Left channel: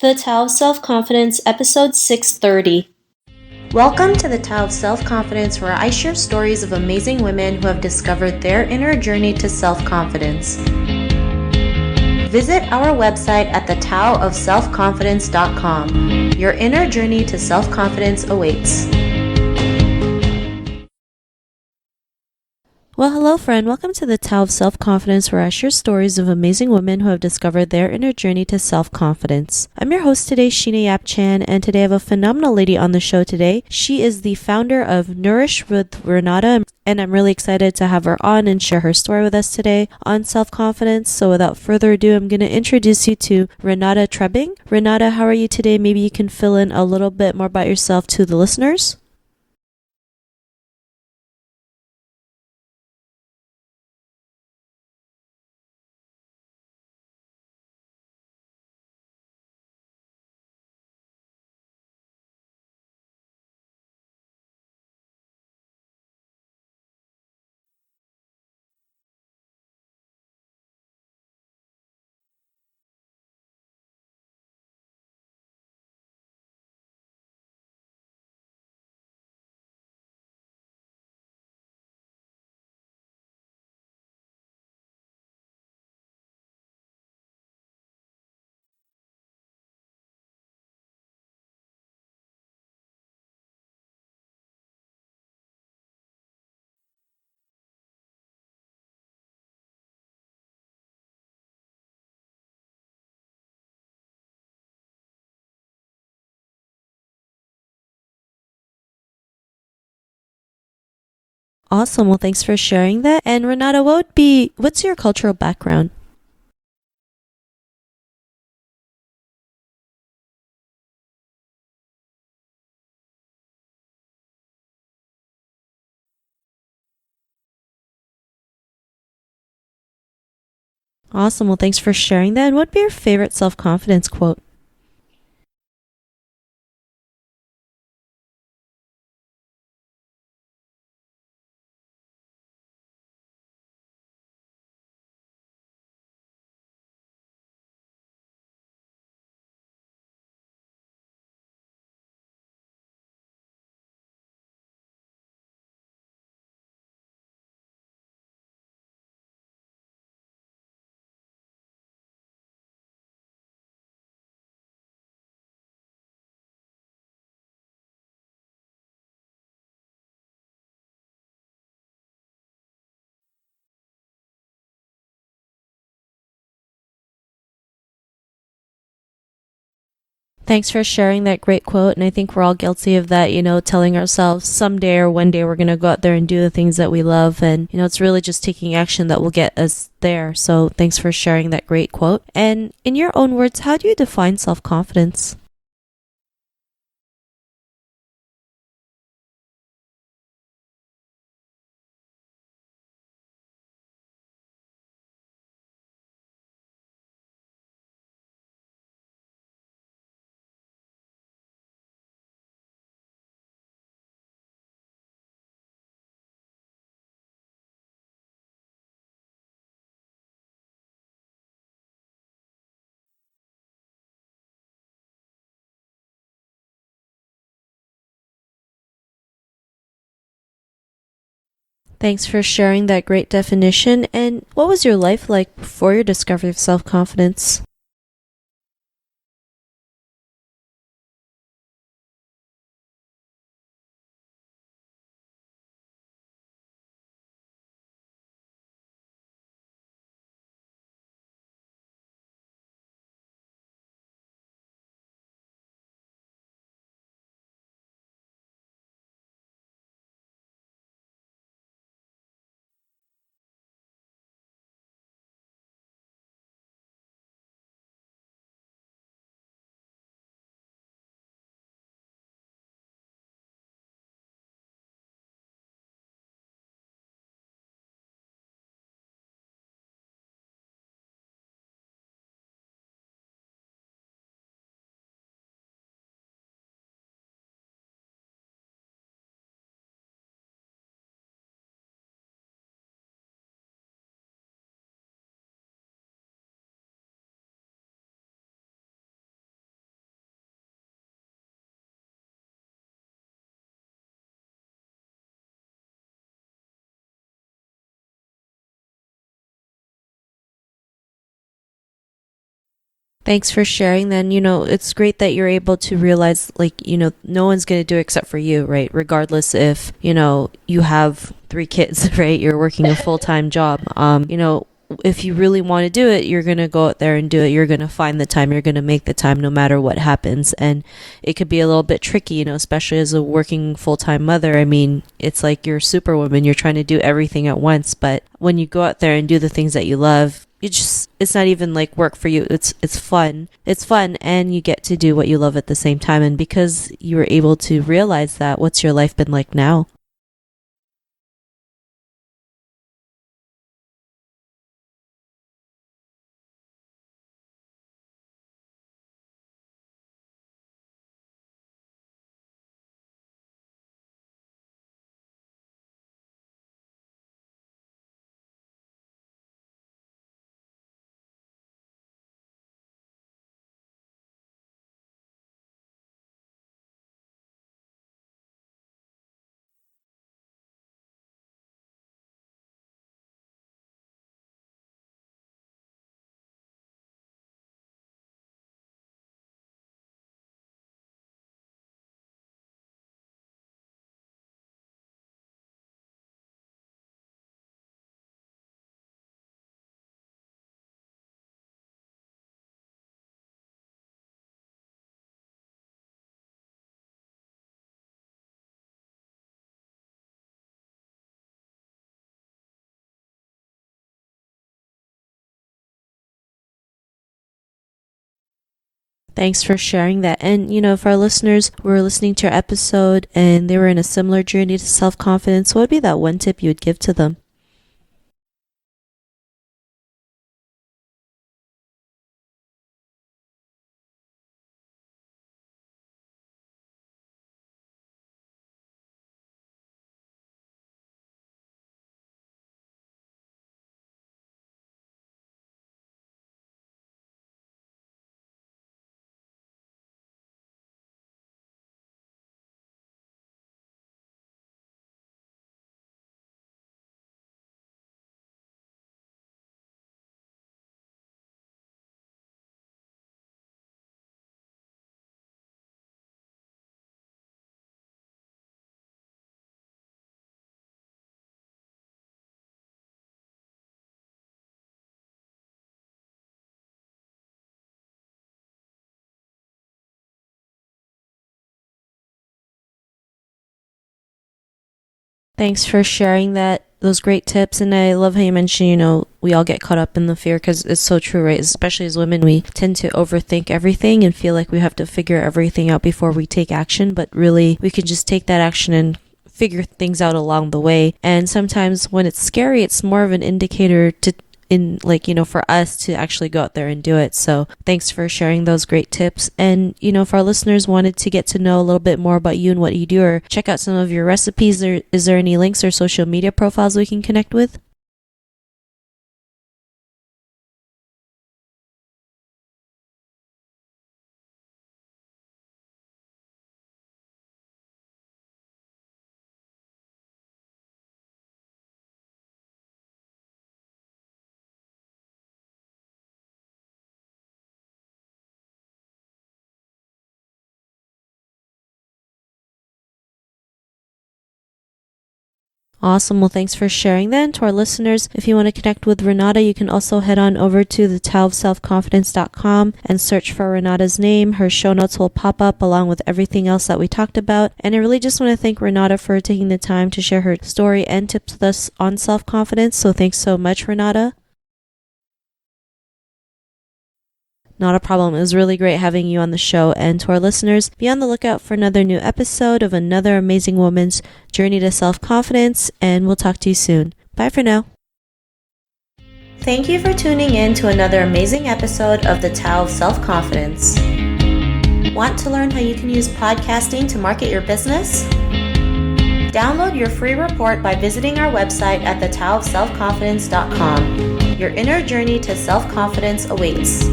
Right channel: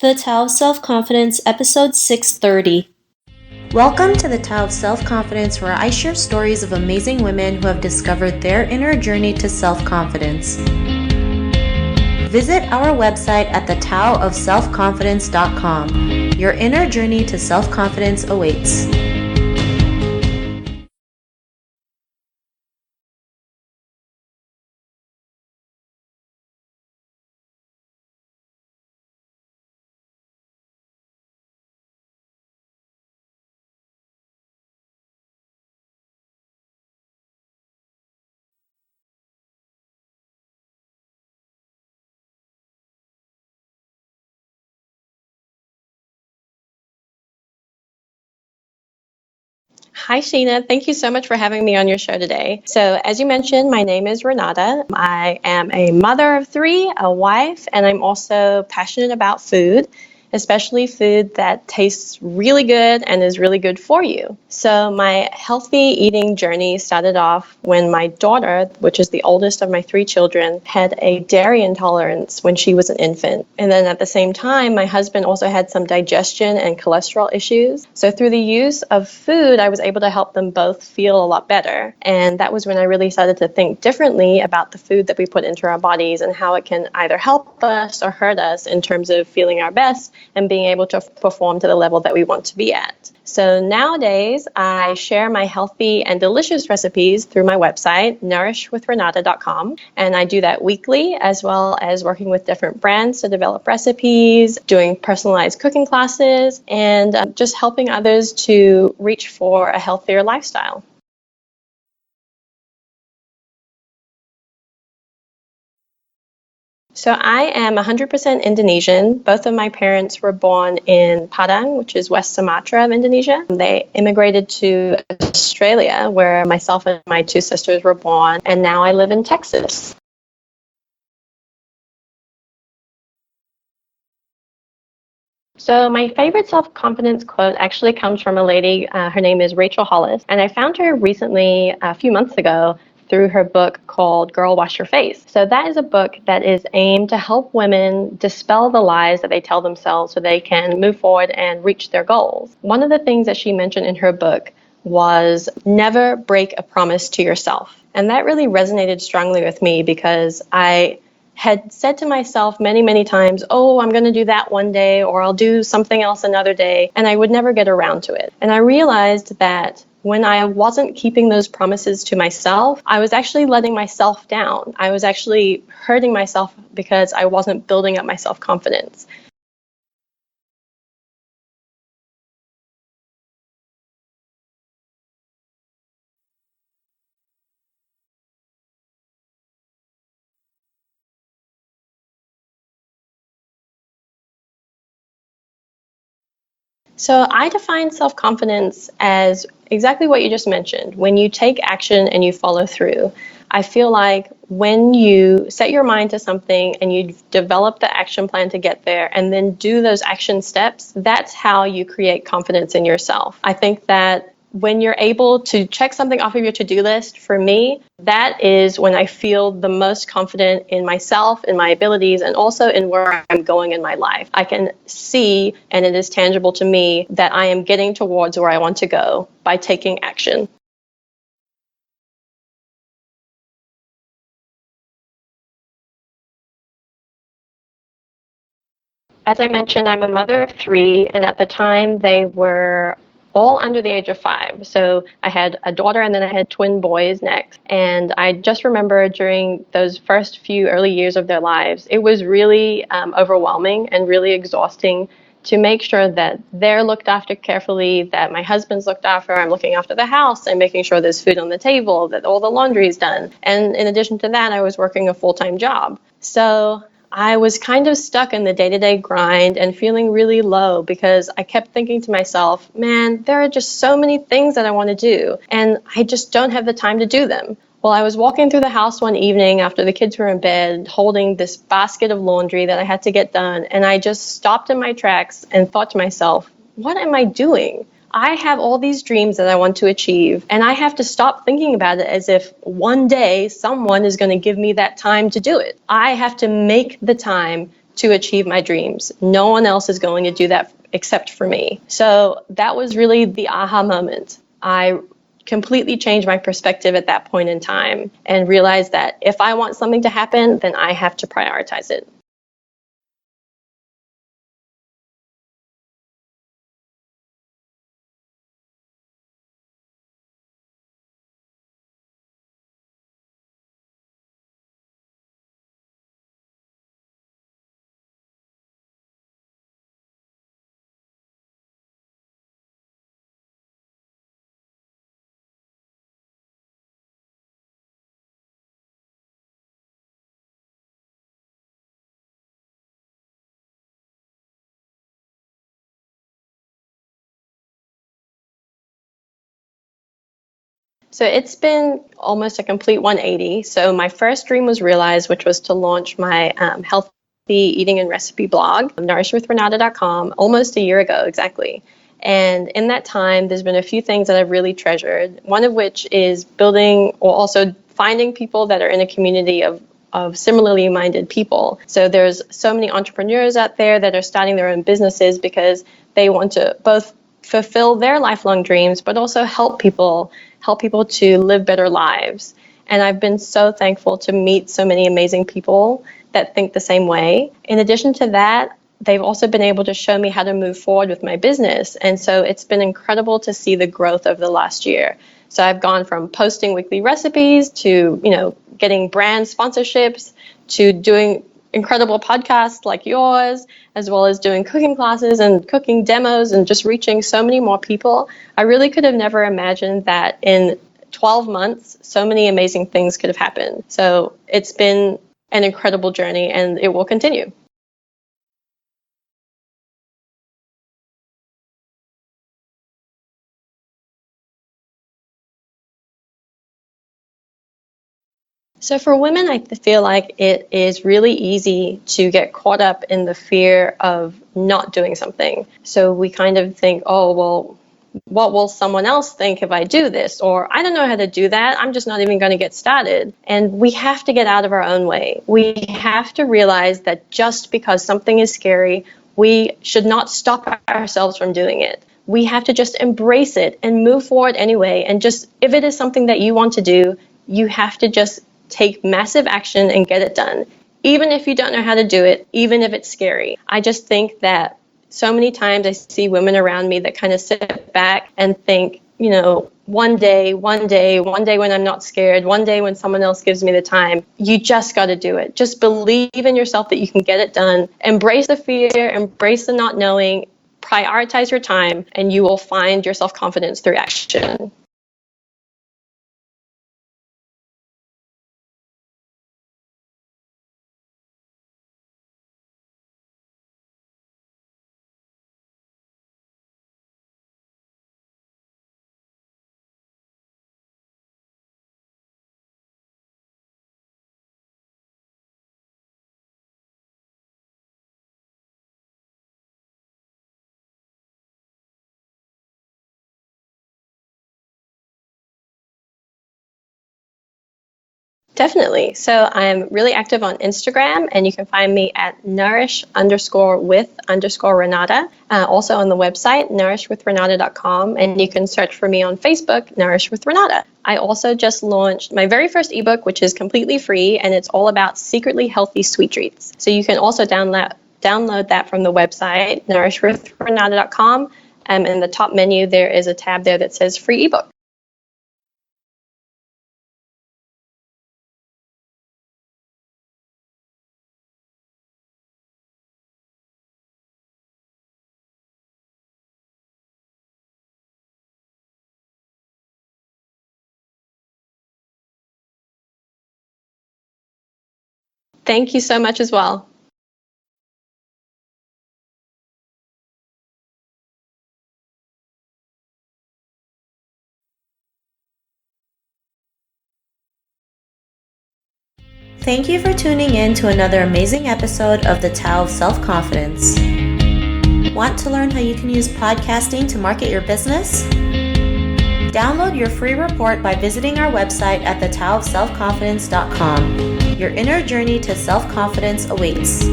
The Tao of Self-Confidence, episode 630. Welcome to the Tao of Self-Confidence, where I share stories of amazing women who have discovered their inner journey to self-confidence. Visit our website at thetaoofselfconfidence.com. Your inner journey to self-confidence awaits. Well, hello, friend. Welcome to the Tao of Self-Confidence, where I share stories of amazing women who have discovered their inner journey to self-confidence. I'm your host today, Sheena Yap Chan, and today I have a phenomenal lady on the show today. She is the founder of Nourish with Renata, and I'm really excited to have her on and share her story with us today on self-confidence. So without further ado, I'm going to introduce you to Renata Trebing. Renata, how are you today? Maybe you can fill in a little bit more about yourself to the listeners. Hi, Sheena. Thank you so much for having me on your show today. So, as you mentioned, my name is Renata. I am a mother of three, a wife, and I'm also passionate about food, especially food that tastes really good and is really good for you. So, my healthy eating journey started off when my daughter, which is the oldest of my three children, had a dairy intolerance when she was an infant. And then at the same time, my husband also had some digestion and cholesterol issues. So through the use of food, I was able to help them both feel a lot better. And that was when I really started to think differently about the food that we put into our bodies and how it can either help us or hurt us in terms of feeling our best and being able to perform to the level that we want to be at. So nowadays, I share my healthy and delicious recipes through my website, nourishwithrenata.com. And I do that weekly, as well as working with different brands to develop recipes, doing personalized cooking classes, and just helping others to reach for a healthier lifestyle. Awesome. Well, thanks for sharing that. And Renata, what's your cultural background? So I am 100% Indonesian. Both of my parents were born in Padang, which is West Sumatra of Indonesia. They immigrated to Australia, where myself and my two sisters were born, and now I live in Texas. Awesome. Well, thanks for sharing that. And what'd be your favorite self-confidence quote? So my favorite self-confidence quote actually comes from a lady. Her name is Rachel Hollis, and I found her recently, a few months ago, through her book called Girl Wash Your Face. So that is a book that is aimed to help women dispel the lies that they tell themselves so they can move forward and reach their goals. One of the things that she mentioned in her book was never break a promise to yourself. And that really resonated strongly with me because I had said to myself many, many times, oh, I'm going to do that one day, or I'll do something else another day, and I would never get around to it. And I realized that when I wasn't keeping those promises to myself, I was actually letting myself down. I was actually hurting myself because I wasn't building up my self-confidence. Thanks for sharing that great quote. And I think we're all guilty of that, telling ourselves someday or one day we're going to go out there and do the things that we love. And, it's really just taking action that will get us there. So thanks for sharing that great quote. And in your own words, how do you define self-confidence? So I define self-confidence as exactly what you just mentioned. When you take action and you follow through. I feel like when you set your mind to something and you develop the action plan to get there and then do those action steps, that's how you create confidence in yourself. I think that when you're able to check something off of your to-do list, for me, that is when I feel the most confident in myself, in my abilities, and also in where I'm going in my life. I can see, and it is tangible to me, that I am getting towards where I want to go by taking action. Thanks for sharing that great definition. And what was your life like before your discovery of self-confidence? As I mentioned, I'm a mother of three, and at the time they were all under the age of 5. So I had a daughter and then I had twin boys next. And I just remember during those first few early years of their lives, it was really overwhelming and really exhausting to make sure that they're looked after carefully, that my husband's looked after, I'm looking after the house and making sure there's food on the table, that all the laundry is done. And in addition to that, I was working a full-time job. So I was kind of stuck in the day-to-day grind and feeling really low because I kept thinking to myself, man, there are just so many things that I want to do, and I just don't have the time to do them. Well, I was walking through the house one evening after the kids were in bed, holding this basket of laundry that I had to get done, and I just stopped in my tracks and thought to myself, what am I doing? I have all these dreams that I want to achieve, and I have to stop thinking about it as if one day someone is going to give me that time to do it. I have to make the time to achieve my dreams. No one else is going to do that except for me. So that was really the aha moment. I completely changed my perspective at that point in time and realized that if I want something to happen, then I have to prioritize it. Thanks for sharing. Then, it's great that you're able to realize, no one's going to do it except for you, right? Regardless if, you have 3 kids, right? You're working a full-time job. If you really want to do it, you're going to go out there and do it. You're going to find the time. You're going to make the time no matter what happens. And it could be a little bit tricky, especially as a working full-time mother. I mean, it's like you're superwoman. You're trying to do everything at once. But when you go out there and do the things that you love, it's not even like work for you. It's fun. It's fun, and you get to do what you love at the same time. And because you were able to realize that, what's your life been like now? So it's been almost a complete 180. So my first dream was realized, which was to launch my healthy eating and recipe blog, nourishwithrenata.com, almost a year ago exactly. And in that time, there's been a few things that I've really treasured, one of which is building or also finding people that are in a community of similarly minded people. So there's so many entrepreneurs out there that are starting their own businesses because they want to both fulfill their lifelong dreams, but also help people to live better lives. And I've been so thankful to meet so many amazing people that think the same way. In addition to that, they've also been able to show me how to move forward with my business. And so it's been incredible to see the growth over the last year. So I've gone from posting weekly recipes to, getting brand sponsorships to doing incredible podcasts like yours, as well as doing cooking classes and cooking demos and just reaching so many more people. I really could have never imagined that in 12 months, so many amazing things could have happened. So it's been an incredible journey, and it will continue. Thanks for sharing that. And, if our listeners were listening to your episode and they were in a similar journey to self-confidence, what would be that one tip you would give to them? So for women, I feel like it is really easy to get caught up in the fear of not doing something. So we kind of think, oh, well, what will someone else think if I do this? Or I don't know how to do that. I'm just not even going to get started. And we have to get out of our own way. We have to realize that just because something is scary, we should not stop ourselves from doing it. We have to just embrace it and move forward anyway. And just, if it is something that you want to do, you have to just take massive action and get it done, even if you don't know how to do it, even if it's scary. I just think that so many times I see women around me that kind of sit back and think, one day when I'm not scared, one day when someone else gives me the time. You just got to do it. Just believe in yourself that you can get it done. Embrace the fear, embrace the not knowing, prioritize your time, and you will find your self-confidence through action. Thanks for sharing those great tips. And I love how you mentioned, we all get caught up in the fear, because it's so true, right? Especially as women, we tend to overthink everything and feel like we have to figure everything out before we take action. But really, we can just take that action and figure things out along the way. And sometimes when it's scary, it's more of an indicator for us to actually go out there and do it. So thanks for sharing those great tips. And, if our listeners wanted to get to know a little bit more about you and what you do, or check out some of your recipes, is there any links or social media profiles we can connect with? Definitely. I'm really active on Instagram, and you can find me at nourish_with_Renata. Also on the website, nourishwithrenata.com, and you can search for me on Facebook, Nourish with Renata. I also just launched my very first ebook, which is completely free, and it's all about secretly healthy sweet treats. So you can also download that from the website, nourishwithrenata.com. In the top menu, there is a tab there that says free ebook. Awesome. Well, thanks for sharing that. And to our listeners, if you want to connect with Renata, you can also head on over to thetowofselfconfidence.com and search for Renata's name. Her show notes will pop up along with everything else that we talked about. And I really just want to thank Renata for taking the time to share her story and tips with us on self-confidence. So thanks so much, Renata. Thank you so much as well. Not a problem. It was really great having you on the show. And to our listeners, be on the lookout for another new episode of another amazing woman's journey to self-confidence. And we'll talk to you soon. Bye for now. Thank you for tuning in to another amazing episode of The Tao of Self-Confidence. Want to learn how you can use podcasting to market your business? Download your free report by visiting our website at thetowofselfconfidence.com. Your inner journey to self-confidence awaits.